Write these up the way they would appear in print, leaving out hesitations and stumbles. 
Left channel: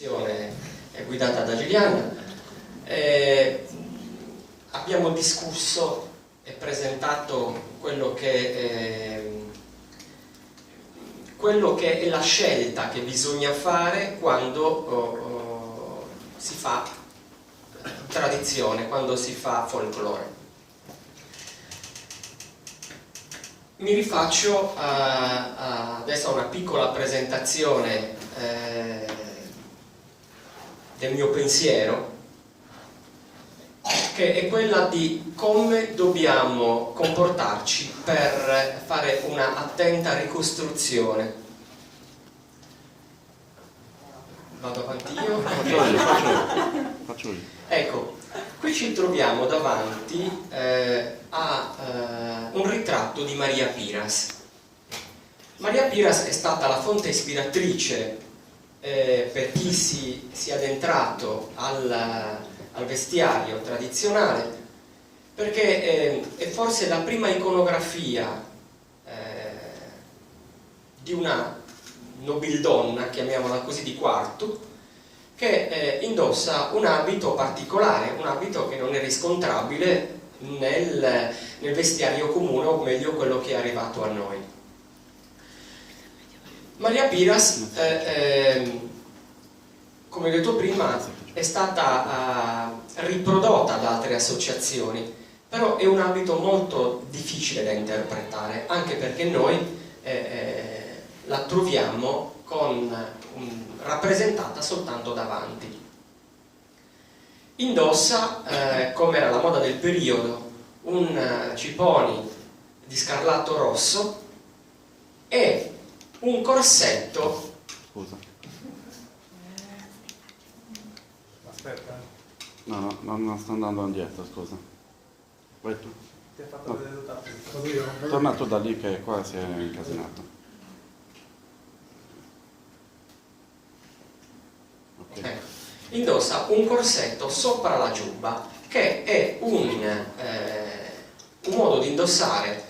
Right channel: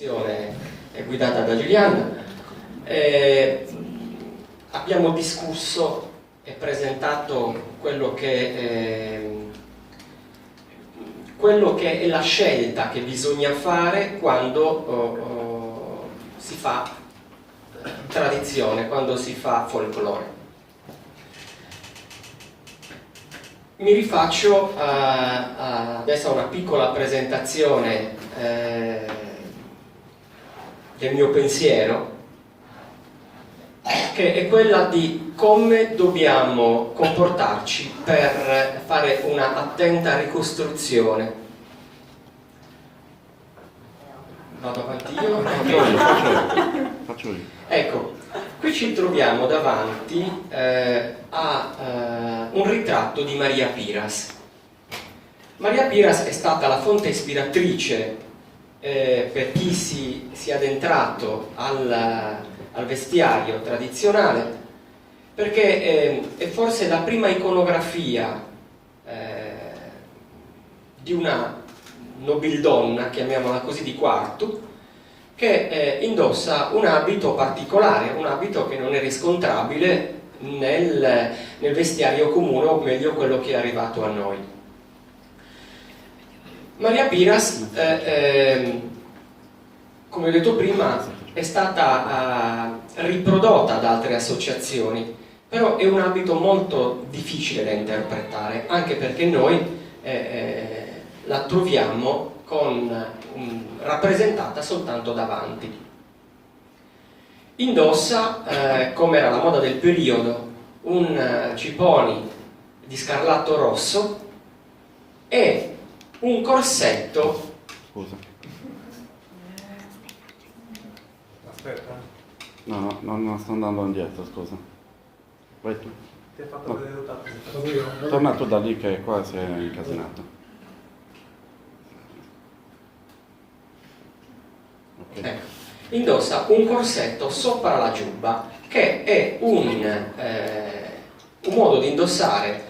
È guidata da Giuliana. Abbiamo discusso e presentato quello che è la scelta che bisogna fare quando si fa tradizione, quando si fa folklore. Mi rifaccio adesso a una piccola presentazione del mio pensiero, che è quella di come dobbiamo comportarci per fare una attenta ricostruzione. Vado avanti io? Faccio io. Ecco, qui ci troviamo davanti a un ritratto di Maria Piras. Maria Piras è stata la fonte ispiratrice per chi si è addentrato al vestiario tradizionale, perché è forse la prima iconografia di una nobildonna, chiamiamola così, di quarto, che indossa un abito particolare, un abito che non è riscontrabile nel vestiario comune, o meglio quello che è arrivato a noi. Maria Piras, come ho detto prima, è stata riprodotta da altre associazioni, però è un abito molto difficile da interpretare, anche perché noi la troviamo rappresentata soltanto davanti. Indossa, come era la moda del periodo, un ciponi di scarlatto rosso e un corsetto. Scusa. Aspetta. No, non sto andando indietro, scusa. Vai tu. Ti ha fatto vedere dotato. Torna tu da lì che qua si è incasinato. Ok. Ecco. Indossa un corsetto sopra la giubba, che è un modo di indossare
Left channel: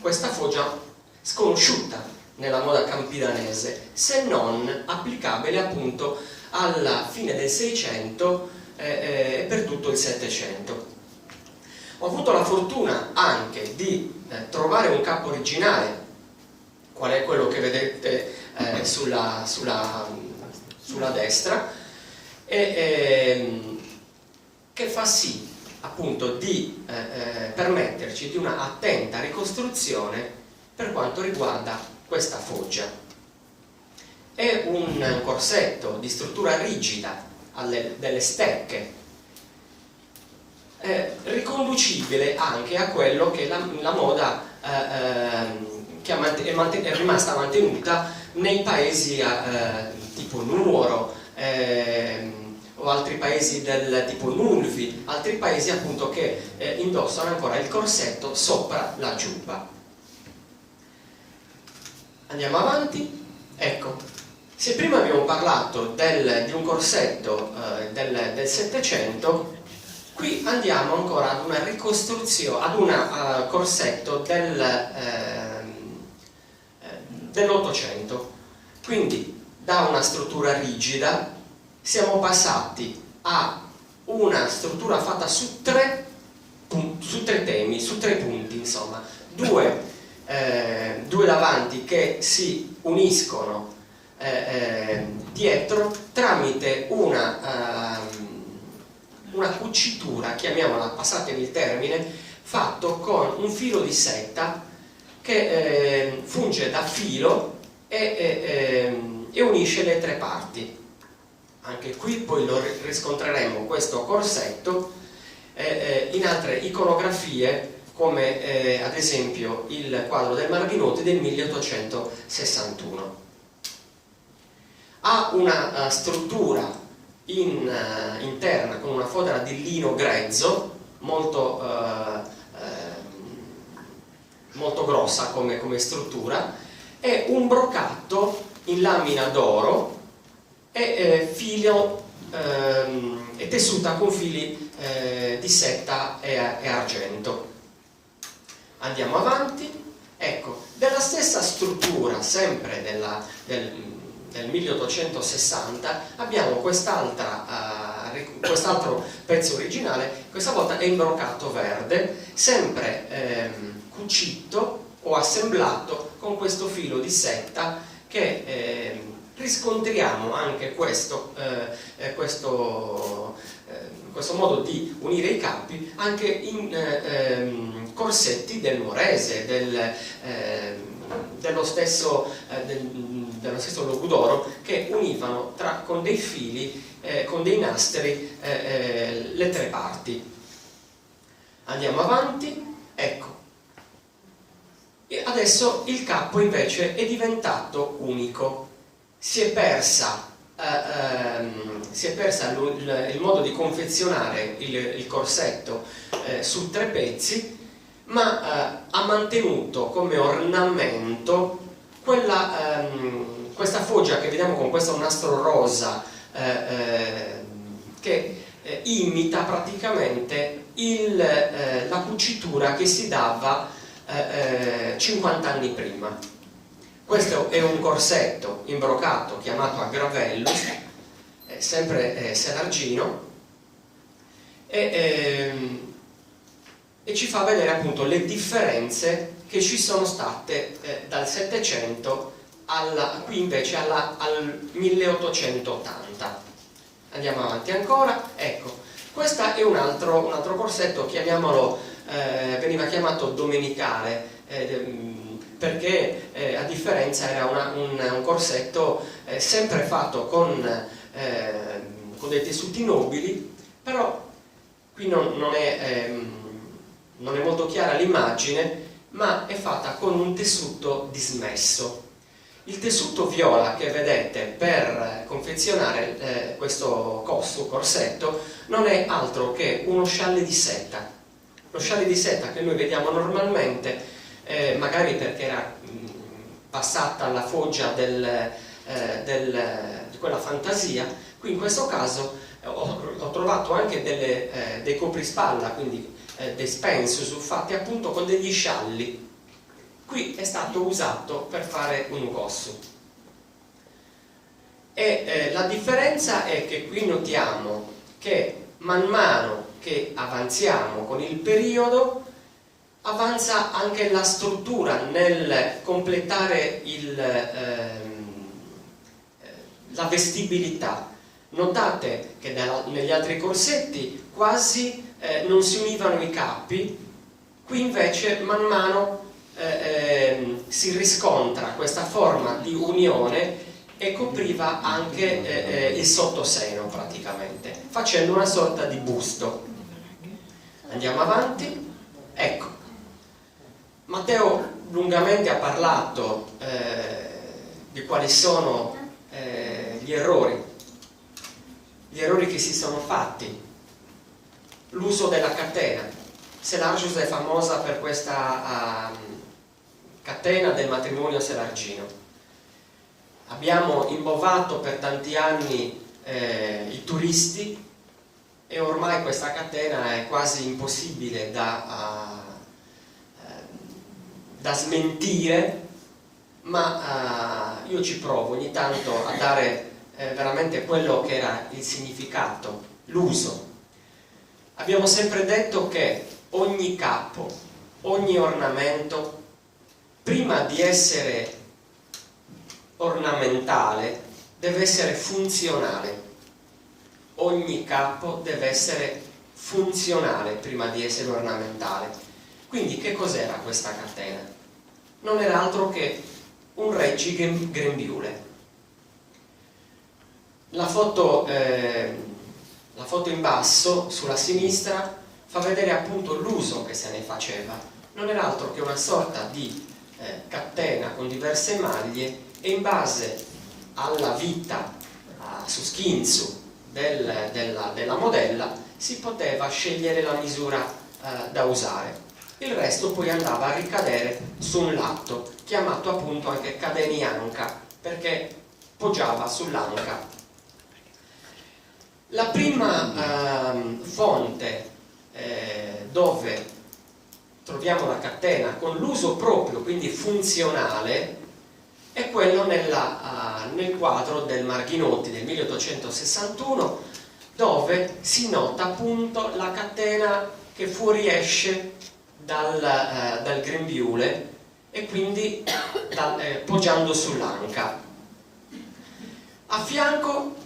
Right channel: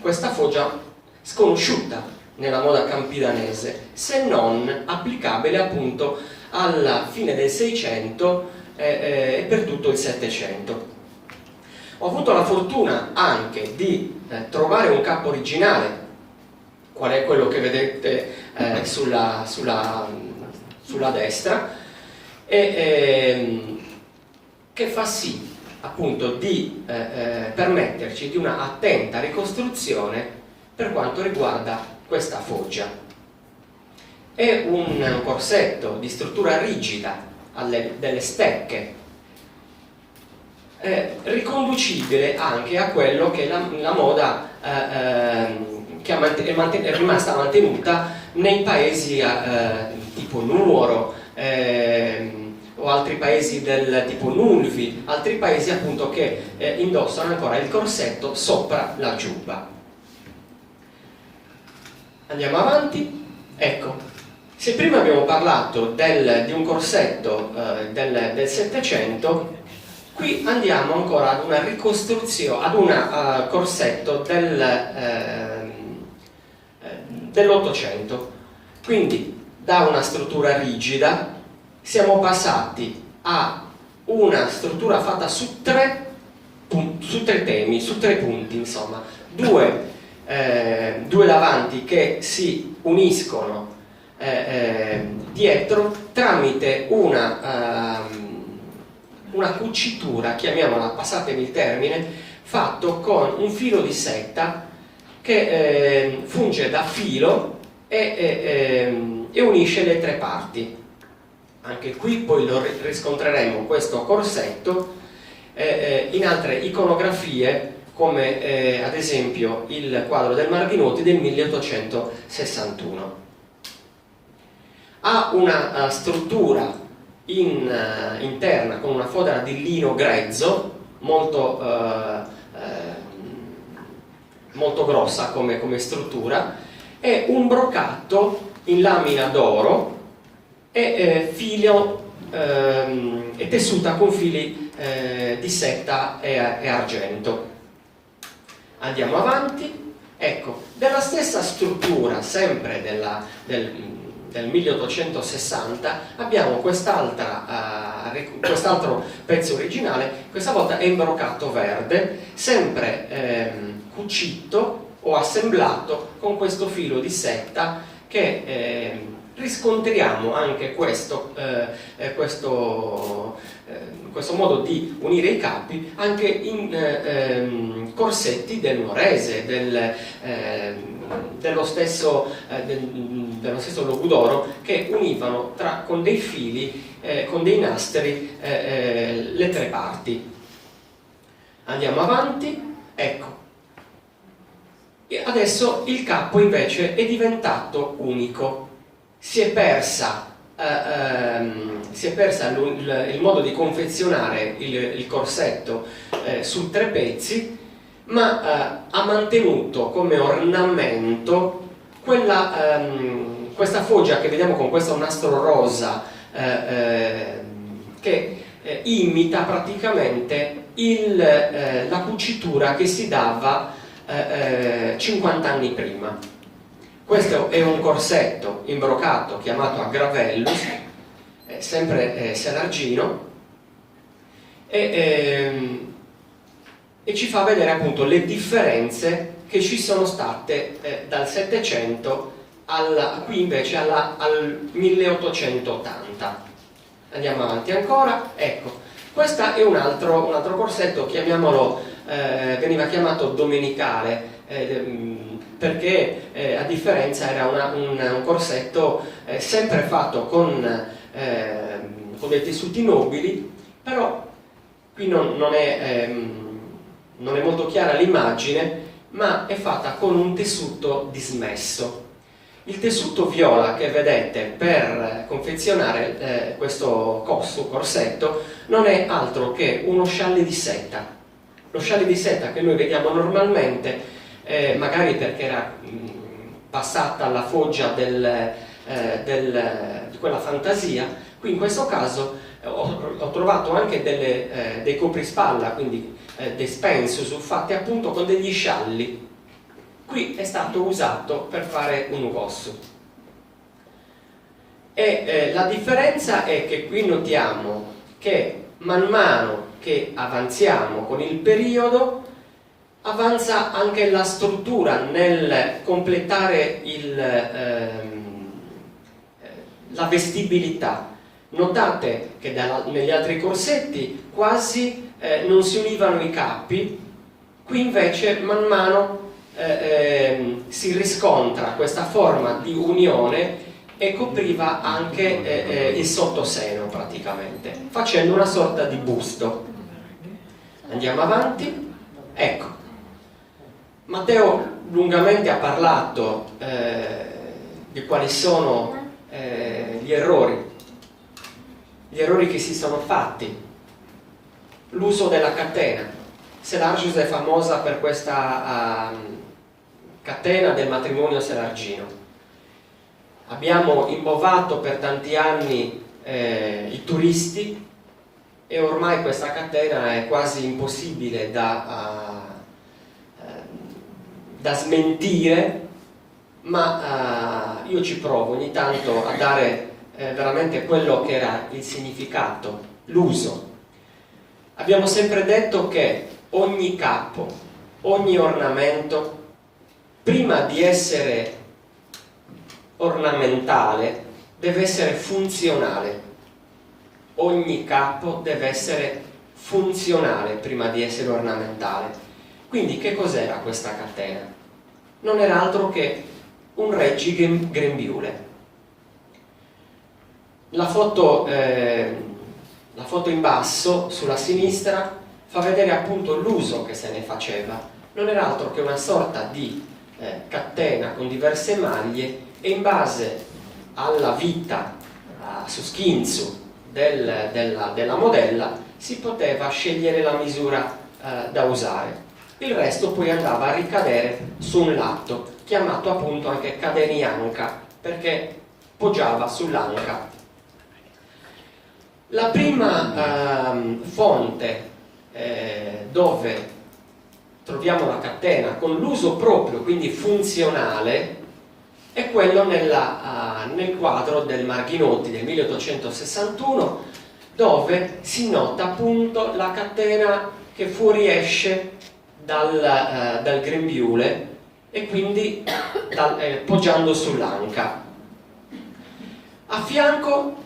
questa foggia sconosciuta nella moda campidanese, se non applicabile appunto alla fine del 600 e per tutto il 700. Ho avuto la fortuna anche di trovare un capo originale, qual è quello che vedete sulla destra, che fa sì appunto di permetterci di una attenta ricostruzione per quanto riguarda questa foggia. È un corsetto di struttura rigida, delle stecche, riconducibile anche a quello che la moda che è rimasta mantenuta nei paesi tipo Nuoro o altri paesi del tipo Nulvi, altri paesi appunto che indossano ancora il corsetto sopra la giubba. Andiamo avanti. Ecco, se prima abbiamo parlato di un corsetto del 700, qui andiamo ancora ad una ricostruzione, ad un corsetto dell'800. Quindi da una struttura rigida siamo passati a una struttura fatta su tre temi, su tre punti, insomma, due davanti che si uniscono dietro tramite una cucitura, chiamiamola, passatemi il termine, fatto con un filo di seta che funge da filo e unisce le tre parti. Anche qui poi lo riscontreremo questo corsetto in altre iconografie, come ad esempio il quadro del Marghinoti del 1861. Ha una struttura interna con una fodera di lino grezzo molto grossa come struttura, e un brocatto in lamina d'oro e è tessuta con fili di seta e argento. Andiamo avanti. Ecco, della stessa struttura, sempre del 1860 abbiamo quest'altro pezzo originale, questa volta è in broccato verde, sempre cucito o assemblato con questo filo di seta che riscontriamo anche questo modo di unire i capi anche in corsetti del nuorese, dello stesso Logudoro, che univano con dei fili, con dei nastri, le tre parti. Andiamo avanti, ecco. E adesso il capo invece è diventato unico. Si è persa il modo di confezionare il corsetto su tre pezzi, ma ha mantenuto come ornamento questa foggia che vediamo con questo nastro rosa che imita praticamente la cucitura che si dava 50 anni prima. Questo è un corsetto imbroccato chiamato agravellus, sempre selargino, e ci fa vedere appunto le differenze che ci sono state dal 700 qui invece al 1880. Andiamo avanti ancora, ecco, questo è un altro corsetto, chiamiamolo, veniva chiamato domenicale, perché a differenza era un corsetto sempre fatto con dei tessuti nobili, però qui non è molto chiara l'immagine, ma è fatta con un tessuto dismesso. Il tessuto viola che vedete per confezionare questo corsetto non è altro che uno scialle di seta. Lo scialle di seta che noi vediamo normalmente, magari perché era passata alla foggia di quella fantasia. Qui in questo caso ho trovato anche dei coprispalla, quindi dei spensus fatti appunto con degli scialli. Qui è stato usato per fare un ugossu. E la differenza è che qui notiamo che man mano che avanziamo con il periodo avanza anche la struttura nel completare la vestibilità. Notate che negli altri corsetti quasi non si univano i capi, qui invece man mano si riscontra questa forma di unione e copriva anche il sottoseno praticamente, facendo una sorta di busto. Andiamo avanti, ecco. Matteo lungamente ha parlato di quali sono gli errori che si sono fatti. L'uso della catena. Selargius è famosa per questa catena del matrimonio selargino. Abbiamo imbovato per tanti anni i turisti e ormai questa catena è quasi impossibile da smentire, ma io ci provo ogni tanto a dare veramente quello che era il significato, l'uso. Abbiamo sempre detto che ogni capo, ogni ornamento, prima di essere ornamentale, deve essere funzionale. Ogni capo deve essere funzionale prima di essere ornamentale. Quindi che cos'era questa catena? Non era altro che un reggigrembiule. La foto in basso, sulla sinistra, fa vedere appunto l'uso che se ne faceva. Non era altro che una sorta di catena con diverse maglie, e in base alla vita, su schinzo della modella, si poteva scegliere la misura da usare. Il resto poi andava a ricadere su un lato, chiamato appunto anche cadenianca, perché poggiava sull'anca. La prima fonte dove troviamo la catena con l'uso proprio, quindi funzionale, è quello nel quadro del Marghinotti del 1861, dove si nota appunto la catena che fuoriesce dal grembiule e quindi poggiando sull'anca. A fianco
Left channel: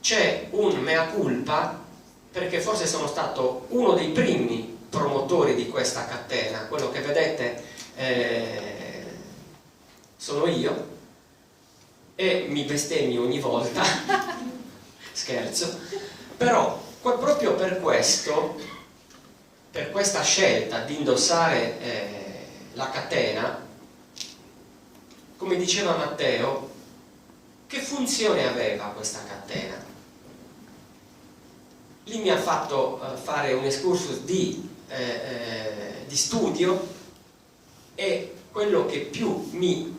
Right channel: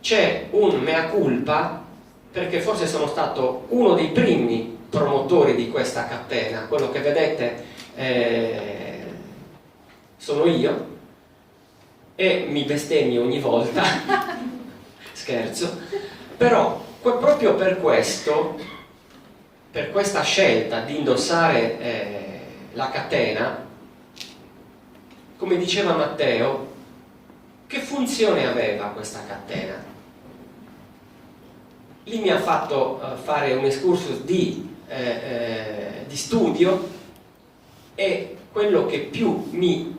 c'è un mea culpa, perché forse sono stato uno dei primi promotori di questa catena. Quello che vedete sono io, e mi bestemmio ogni volta scherzo, però proprio per questo, per questa scelta di indossare la catena, come diceva Matteo, che funzione aveva questa catena? Lì mi ha fatto fare un excursus di studio, e quello che più mi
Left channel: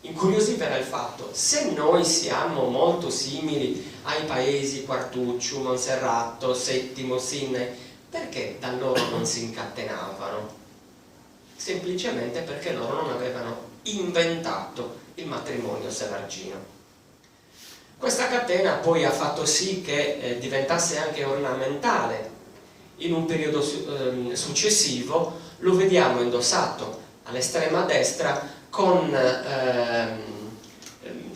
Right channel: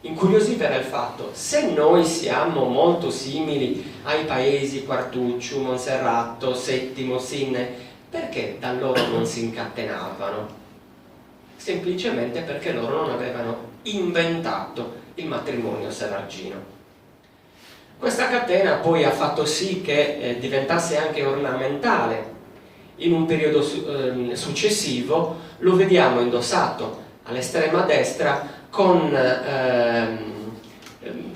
incuriosiva era il fatto: se noi siamo molto simili ai paesi Quartucciu, Monserrato, Settimo, Sinne, perché da loro non si incatenavano? Semplicemente perché loro non avevano inventato il matrimonio severgino. Questa catena poi ha fatto sì che diventasse anche ornamentale. In un periodo successivo lo vediamo indossato all'estrema destra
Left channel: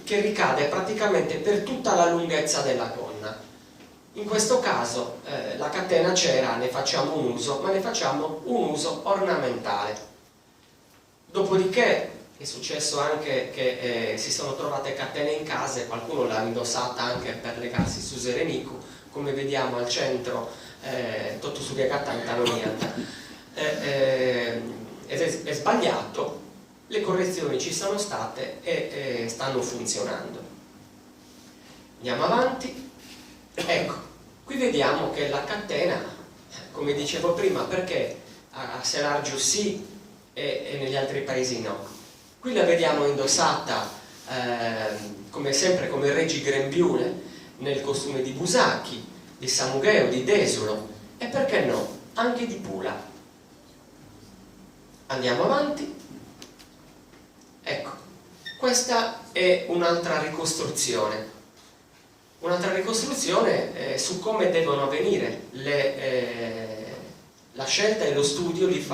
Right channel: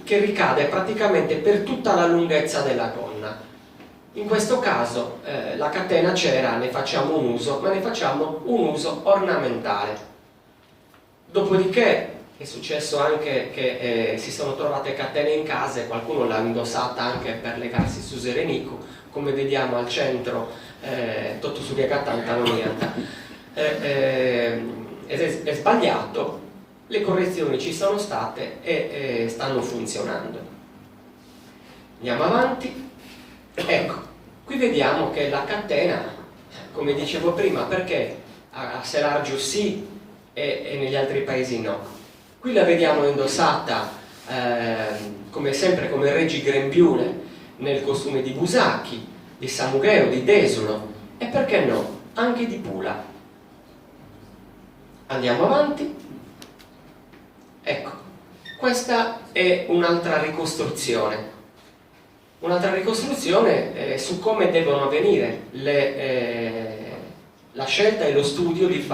che ricade praticamente per tutta la lunghezza della gonna. In questo caso la catena c'era, ne facciamo un uso, ma ne facciamo un uso ornamentale. Dopodiché è successo anche che si sono trovate catene in casa e qualcuno l'ha indossata anche per legarsi su Serenico, come vediamo al centro, tutto su è sbagliato. Le correzioni ci sono state e stanno funzionando. Andiamo avanti. Ecco, qui vediamo che la catena, come dicevo prima, perché a Selargio sì e negli altri paesi no. Qui la vediamo indossata come sempre come Reggi Grembiule, nel costume di Busacchi, di Samugheo, di Desulo, e perché no, anche di Pula. Andiamo avanti. Ecco, questa è un'altra ricostruzione su come devono avvenire la scelta e lo studio di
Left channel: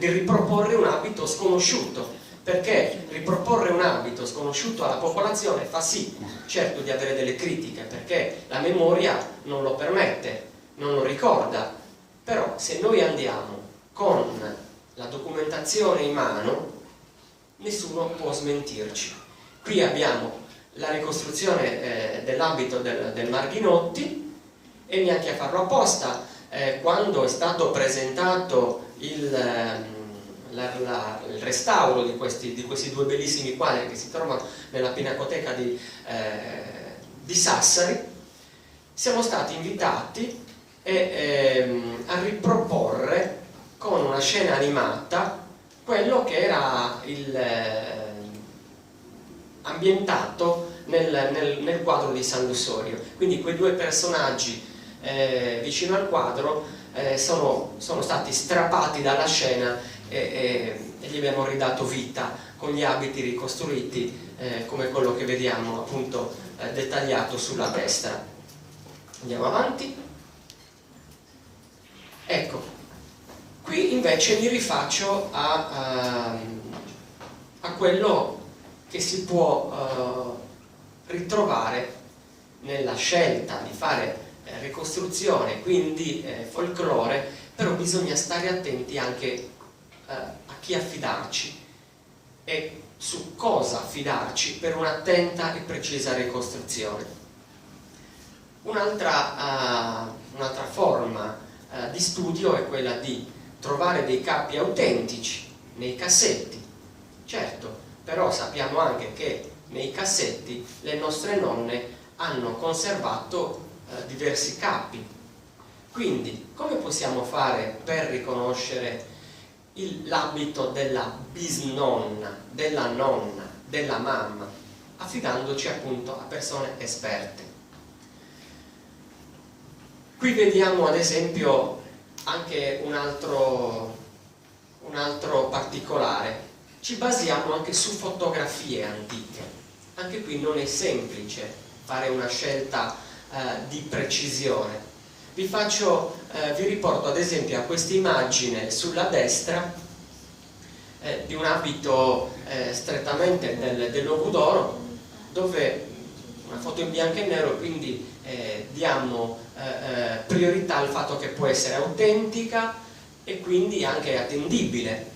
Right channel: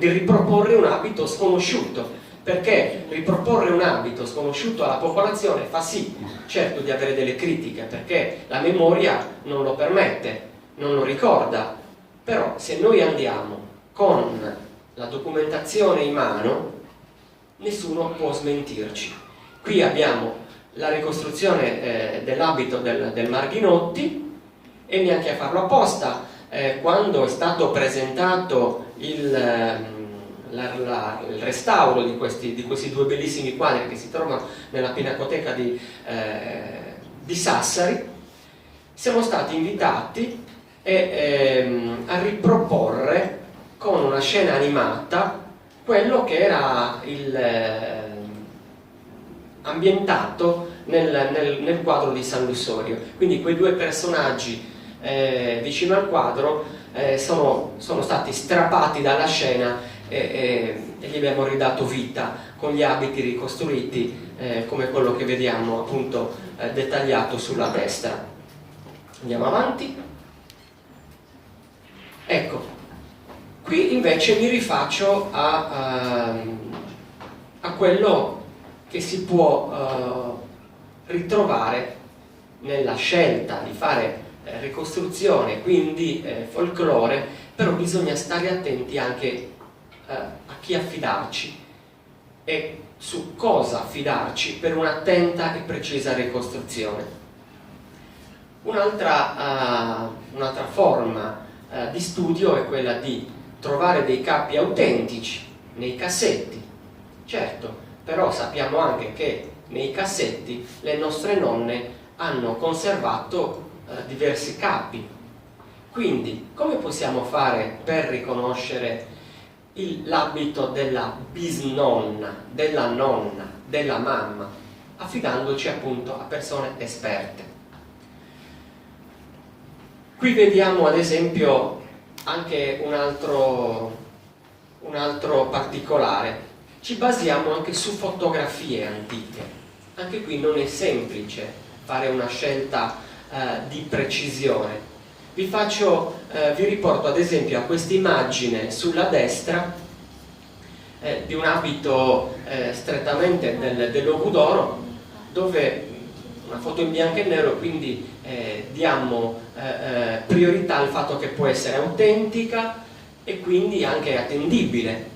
riproporre un abito sconosciuto, perché riproporre un abito sconosciuto alla popolazione fa sì, certo, di avere delle critiche, perché la memoria non lo permette, non lo ricorda, però se noi andiamo con la documentazione in mano, nessuno può smentirci. Qui abbiamo la ricostruzione dell'abito del Marghinotti, e neanche a farlo apposta, quando è stato presentato il restauro di questi due bellissimi quadri che si trovano nella Pinacoteca di Sassari, siamo stati invitati a riproporre con una scena animata quello che era ambientato nel quadro di San Lussorio. Quindi quei due personaggi vicino al quadro sono stati strappati dalla scena e gli abbiamo ridato vita con gli abiti ricostruiti, come quello che vediamo appunto dettagliato sulla destra. Andiamo avanti. Ecco, qui invece mi rifaccio a quello che si può ritrovare nella scelta di fare ricostruzione, quindi folklore, però bisogna stare attenti anche a chi affidarci e su cosa affidarci per un'attenta e precisa ricostruzione. Un'altra forma di studio è quella di trovare dei capi autentici nei cassetti. Certo, però sappiamo anche che nei cassetti le nostre nonne hanno conservato diversi capi. Quindi come possiamo fare per riconoscere l'abito della bisnonna, della nonna, della mamma, affidandoci appunto a persone esperte? Qui vediamo ad esempio anche un altro particolare. ci basiamo anche su fotografie antiche. Anche qui non è semplice fare una scelta di precisione. Vi riporto ad esempio a questa immagine sulla destra di un abito strettamente dell'Ovu d'Oro, dove una foto in bianco e nero, quindi diamo priorità al fatto che può essere autentica e quindi anche attendibile,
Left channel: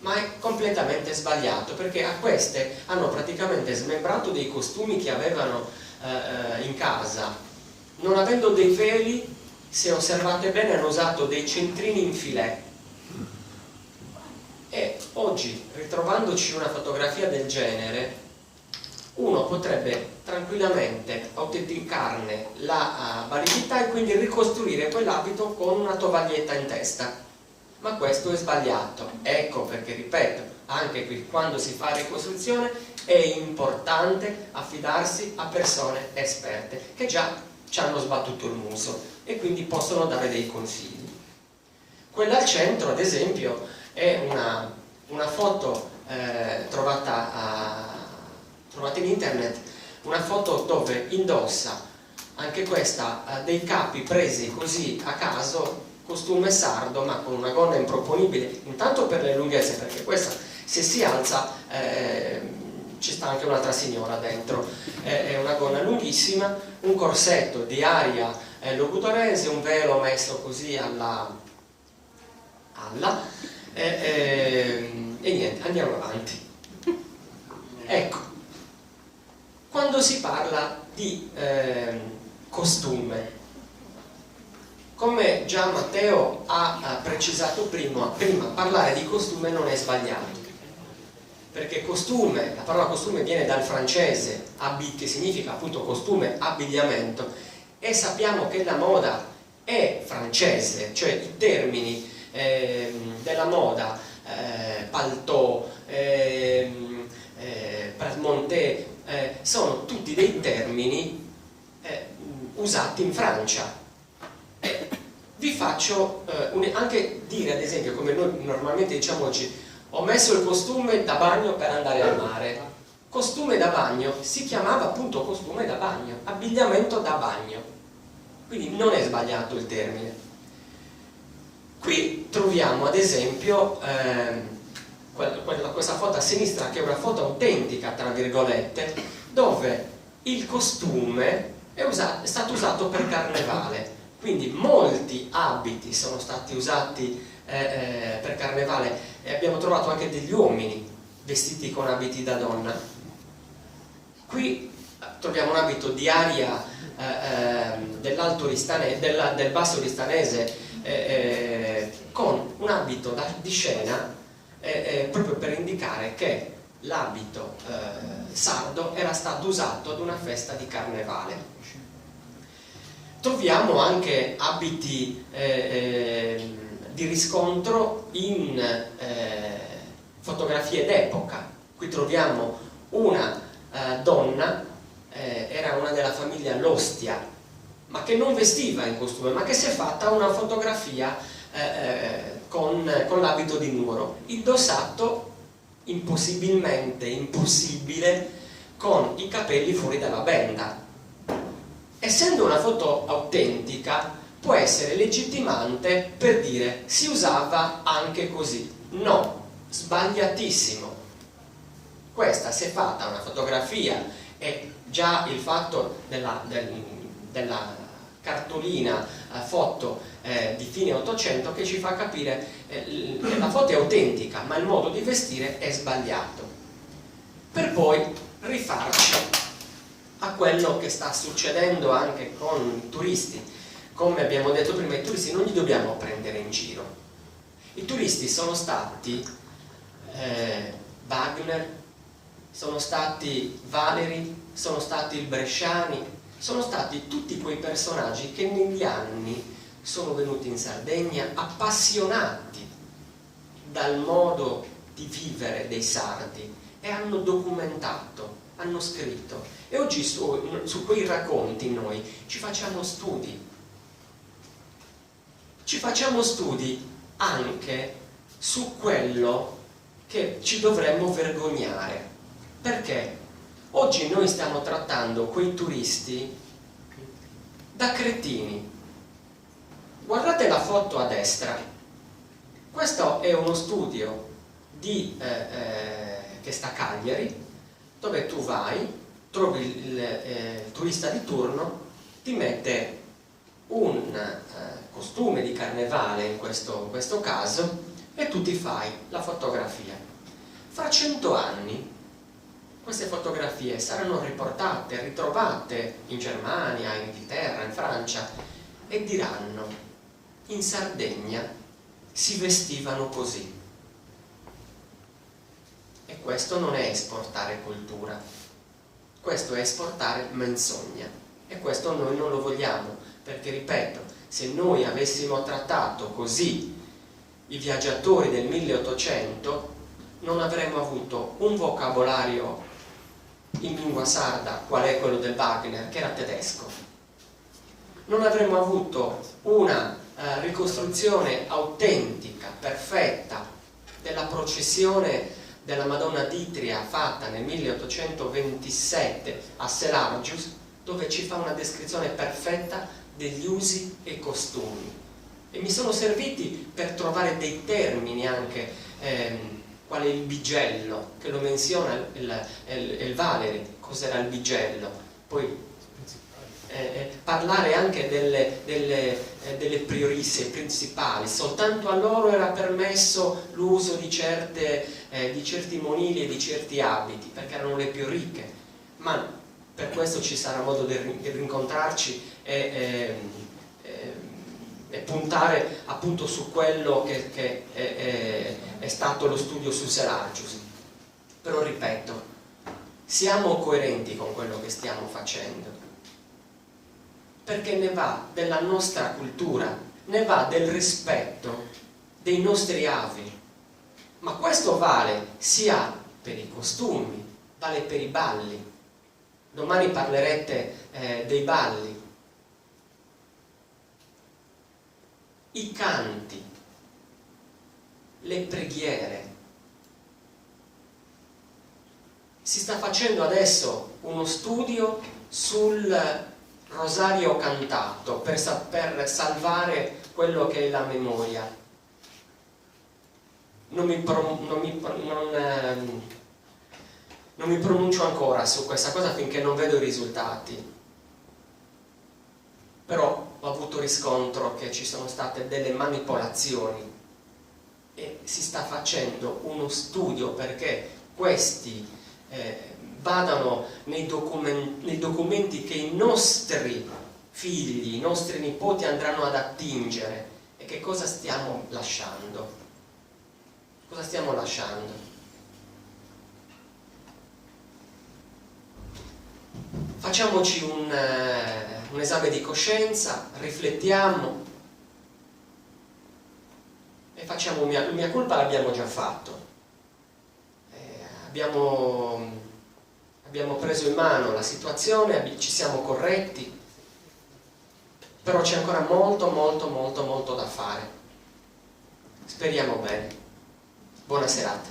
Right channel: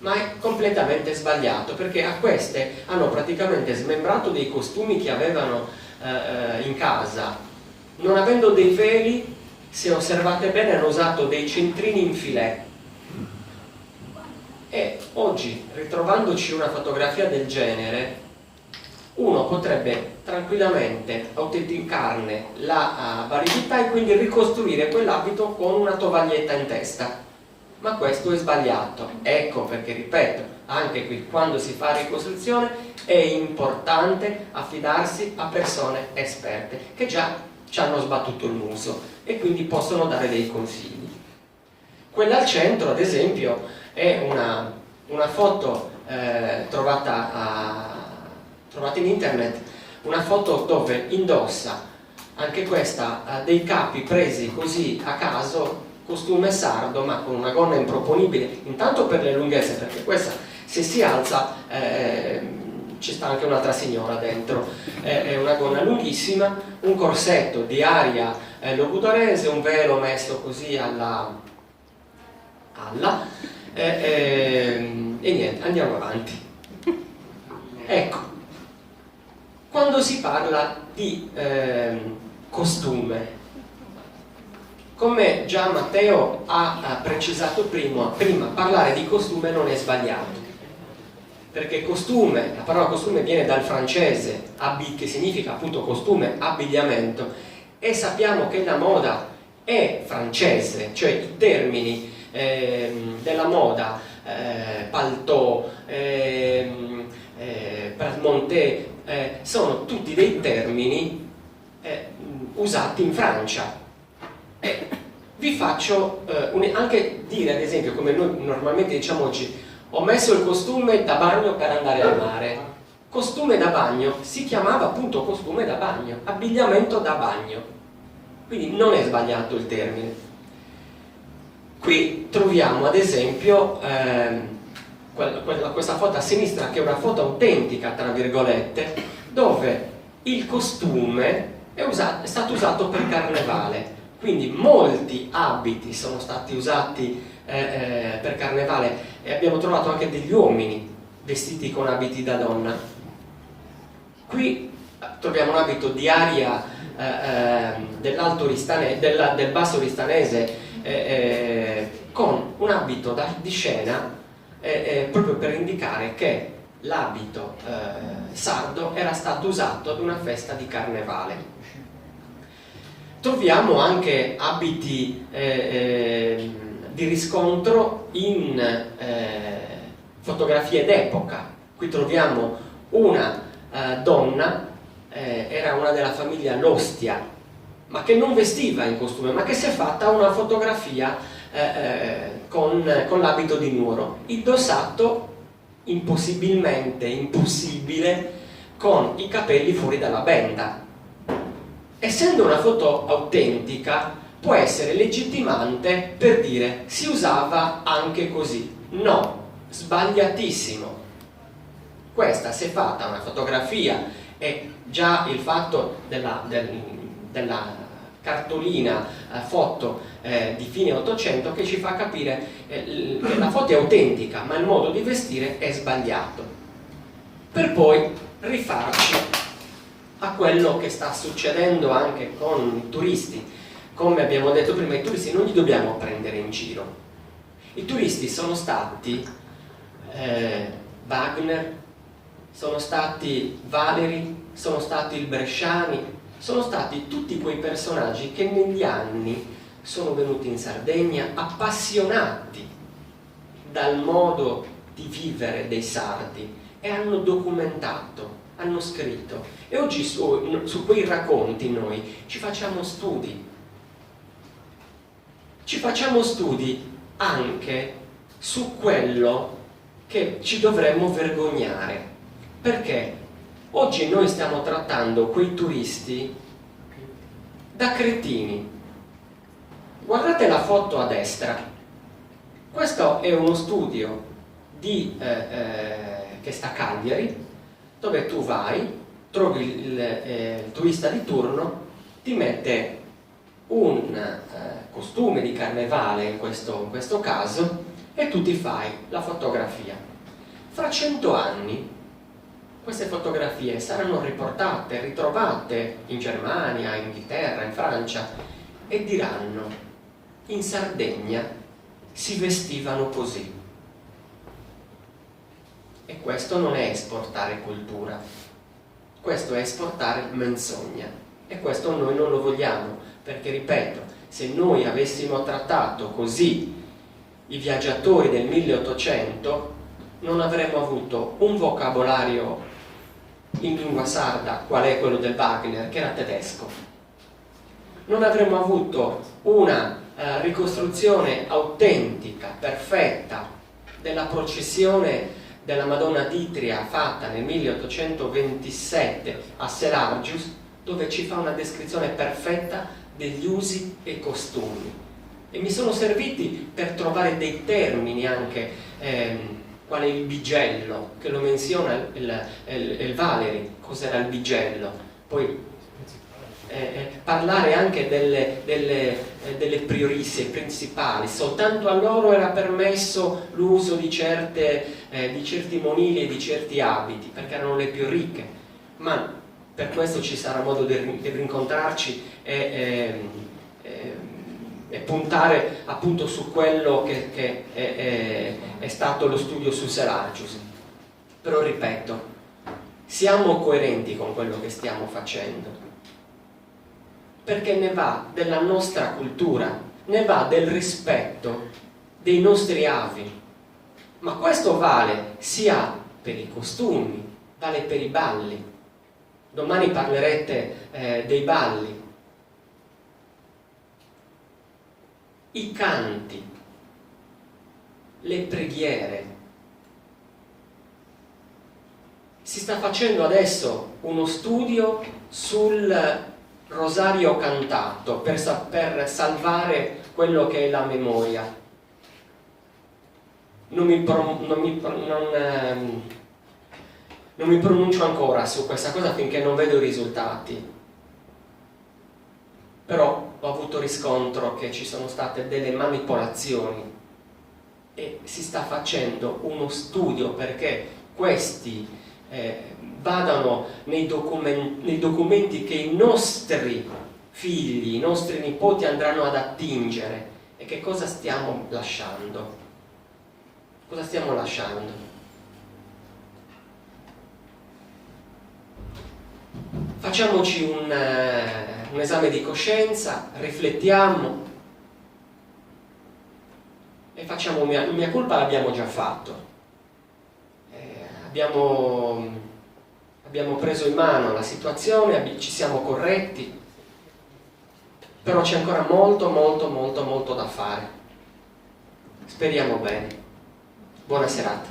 ma è completamente sbagliato, perché a queste hanno praticamente smembrato dei costumi che avevano in casa. Non avendo dei veli, se osservate bene, hanno usato dei centrini in filet. E oggi, ritrovandoci una fotografia del genere, uno potrebbe tranquillamente autenticarne la validità e quindi ricostruire quell'abito con una tovaglietta in testa. Ma questo è sbagliato. Ecco perché, ripeto, anche qui quando si fa ricostruzione è importante affidarsi a persone esperte che già ci hanno sbattuto il muso e quindi possono dare dei consigli. Quella al centro, ad esempio, è una foto trovata in internet, una foto dove indossa, anche questa, dei capi presi così a caso, costume sardo ma con una gonna improponibile, intanto per le lunghezze, perché questa se si alza ci sta anche un'altra signora dentro, è una gonna lunghissima, un corsetto di aria logudorese, un velo messo così e niente, andiamo avanti. Ecco, quando si parla di costume, come già Matteo ha precisato prima, parlare di costume non è sbagliato, perché costume, la parola costume viene dal francese che significa appunto costume, abbigliamento, e sappiamo che la moda è francese, cioè i termini della moda, paltò, pras-monté, sono tutti dei termini usati in Francia. Vi faccio anche dire, ad esempio, come noi normalmente diciamo oggi, ho messo il costume da bagno per andare al mare. Costume da bagno si chiamava appunto costume da bagno, abbigliamento da bagno, quindi non è sbagliato il termine. Qui troviamo ad esempio questa foto a sinistra, che è una foto autentica tra virgolette, dove il costume è stato usato per carnevale, quindi molti abiti sono stati usati per carnevale, e abbiamo trovato anche degli uomini vestiti con abiti da donna. Qui troviamo un abito di aria del basso ristanese, con un abito di scena, proprio per indicare che l'abito sardo era stato usato ad una festa di carnevale. Troviamo anche abiti di riscontro in fotografie d'epoca. Qui troviamo una donna, era una della famiglia L'Ostia, ma che non vestiva in costume, ma che si è fatta una fotografia con l'abito di Nuoro, indossato impossibile, con i capelli fuori dalla benda. Essendo una foto autentica, può essere legittimante per dire si usava anche così. No, sbagliatissimo. Questa, se è fatta una fotografia, e già il fatto della cartolina foto di fine 800 che ci fa capire che la foto è autentica, ma il modo di vestire è sbagliato. Per poi rifarci a quello che sta succedendo anche con i turisti. Come abbiamo detto prima, i turisti non li dobbiamo prendere in giro. I turisti sono stati Wagner, sono stati Valeri, sono stati il Bresciani, sono stati tutti quei personaggi che negli anni sono venuti in Sardegna appassionati dal modo di vivere dei sardi e hanno documentato, hanno scritto, e oggi su quei racconti noi ci facciamo studi anche su quello che ci dovremmo vergognare, perché oggi noi stiamo trattando quei turisti da cretini. Guardate la foto a destra, questo è uno studio che sta a Cagliari, dove tu vai, trovi il turista di turno, ti mette un costume di carnevale in questo caso, e tu ti fai la fotografia. Fra 100 anni queste fotografie saranno riportate, ritrovate in Germania, in Inghilterra, in Francia, e diranno: in Sardegna si vestivano così. E questo non è esportare cultura, questo è esportare menzogna, e questo noi non lo vogliamo, perché, ripeto, se noi avessimo trattato così i viaggiatori del 1800 non avremmo avuto un vocabolario in lingua sarda, qual è quello del Wagner, che era tedesco. Non avremmo avuto una ricostruzione autentica, perfetta, della processione della Madonna d'Itria fatta nel 1827 a Selargius, dove ci fa una descrizione perfetta degli usi e costumi. E mi sono serviti per trovare dei termini anche, quale il bigello, che lo menziona il Valeri, cos'era il bigello. Poi parlare anche delle priorisse principali. Soltanto a loro era permesso l'uso di certi monili e di certi abiti, perché erano le più ricche, ma per questo ci sarà modo di rincontrarci e puntare appunto su quello che è stato lo studio su Selargius. Però, ripeto, siamo coerenti con quello che stiamo facendo, perché ne va della nostra cultura, ne va del rispetto dei nostri avi. Ma questo vale sia per i costumi, vale per i balli. Domani parlerete dei balli, i canti, le preghiere. Si sta facendo adesso uno studio sul rosario cantato per salvare quello che è la memoria. Non mi pronuncio ancora su questa cosa finché non vedo i risultati, però ho avuto riscontro che ci sono state delle manipolazioni e si sta facendo uno studio perché questi vadano nei documenti che i nostri figli, i nostri nipoti andranno ad attingere. E che cosa stiamo lasciando? Cosa stiamo lasciando? Facciamoci un esame di coscienza, riflettiamo e facciamo mea culpa. L'abbiamo già fatto. Abbiamo preso in mano la situazione, ci siamo corretti, però c'è ancora molto da fare. Speriamo bene. Buona serata.